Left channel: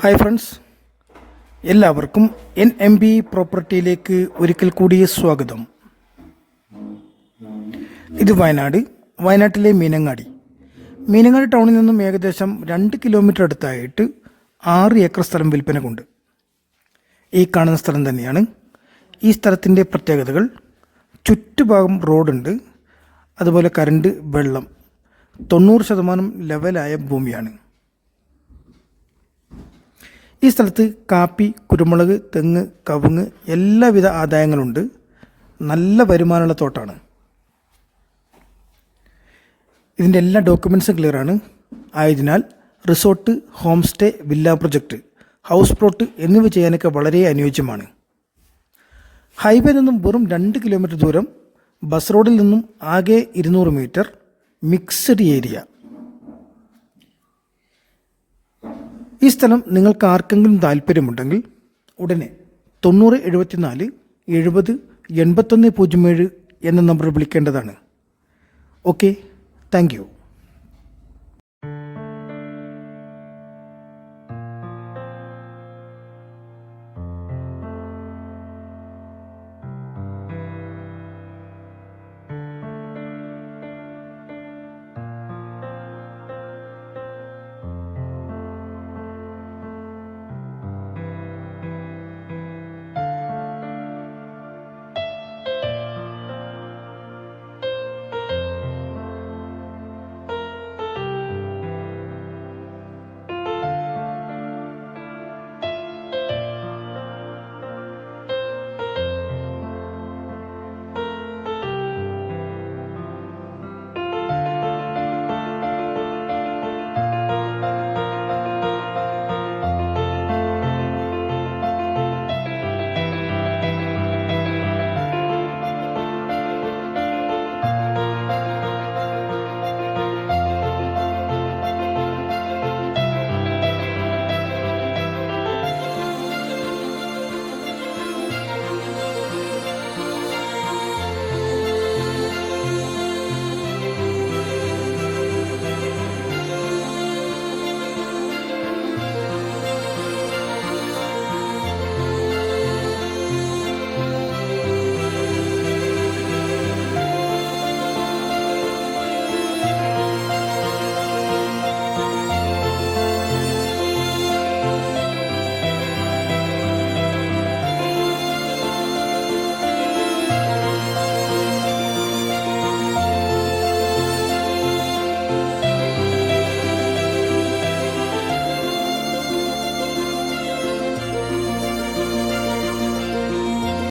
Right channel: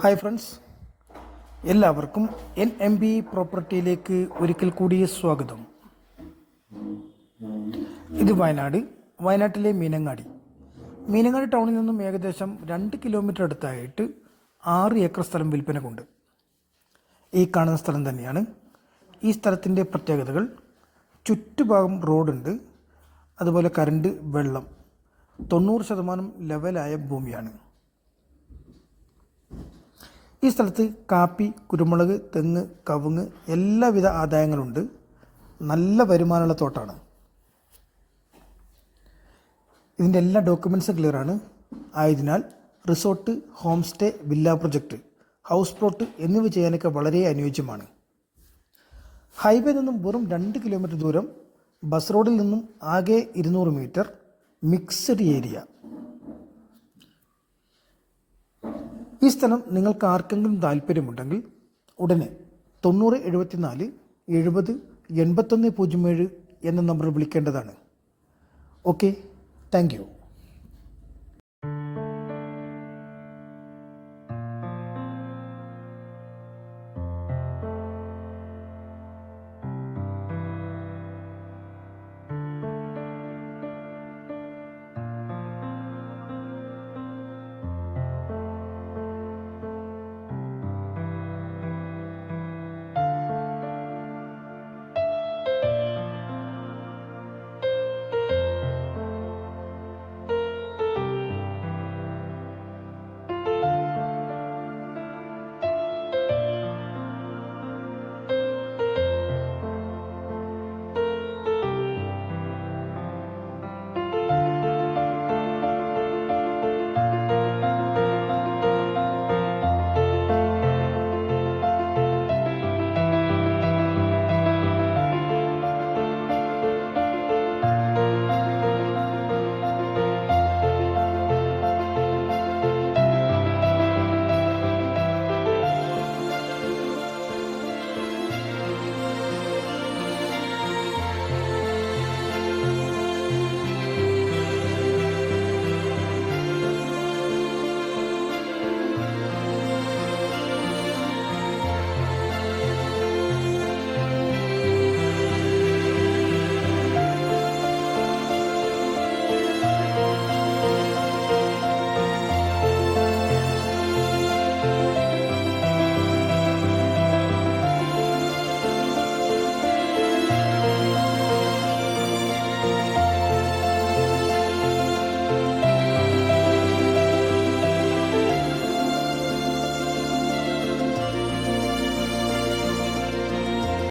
Hi friends, എല്ലാവർക്കും NMB പ്രോപ്പർട്ടിയിലേക്ക് ഒരിക്കൽ കൂടി സ്വാഗതം. ഇത് വയനാട്ടിലെ മീനങ്ങാടി ടൗണിൽ നിന്നും ഏകദേശം 2 കിലോമീറ്റർ അടുത്തായിട്ട് 6 ഏക്കർ സ്ഥലം വിൽപ്പനക്കുണ്ട്. ഈ കാണുന്ന സ്ഥലം തന്നെയാണ്. ഈ സ്ഥലത്തിൻ്റെ പ്രത്യേകതകൾ: ചുറ്റുഭാഗം റോഡുണ്ട്, അതുപോലെ കറണ്ട്, വെള്ളം, 90% ലെവലായ ഭൂമിയാണ്. ഈ സ്ഥലത്ത് കാപ്പി, കുരുമുളക്, തെങ്ങ്, കവുങ്ങ് എല്ലാവിധ ആദായങ്ങളുണ്ട്. നല്ല വരുമാനമുള്ള തോട്ടമാണ്. ഇതിൻ്റെ എല്ലാ ഡോക്യുമെൻറ്റ്സും ക്ലിയറാണ്. ആയതിനാൽ resort, home stay, villa project, house plot എന്നിവ ചെയ്യാനൊക്കെ വളരെ അനുയോജ്യമാണ്. ഹൈവേ നിന്നും വെറും 2 കിലോമീറ്റർ ദൂരം, ബസ് റോഡിൽ നിന്നും ആകെ 200 മീറ്റർ, മിക്സഡ് ഏരിയ. ഈ സ്ഥലം നിങ്ങൾക്ക് ആർക്കെങ്കിലും താല്പര്യമുണ്ടെങ്കിൽ ഉടനെ 9074 70 8107 എന്ന നമ്പറിൽ വിളിക്കേണ്ടതാണ്. Okay, thank you.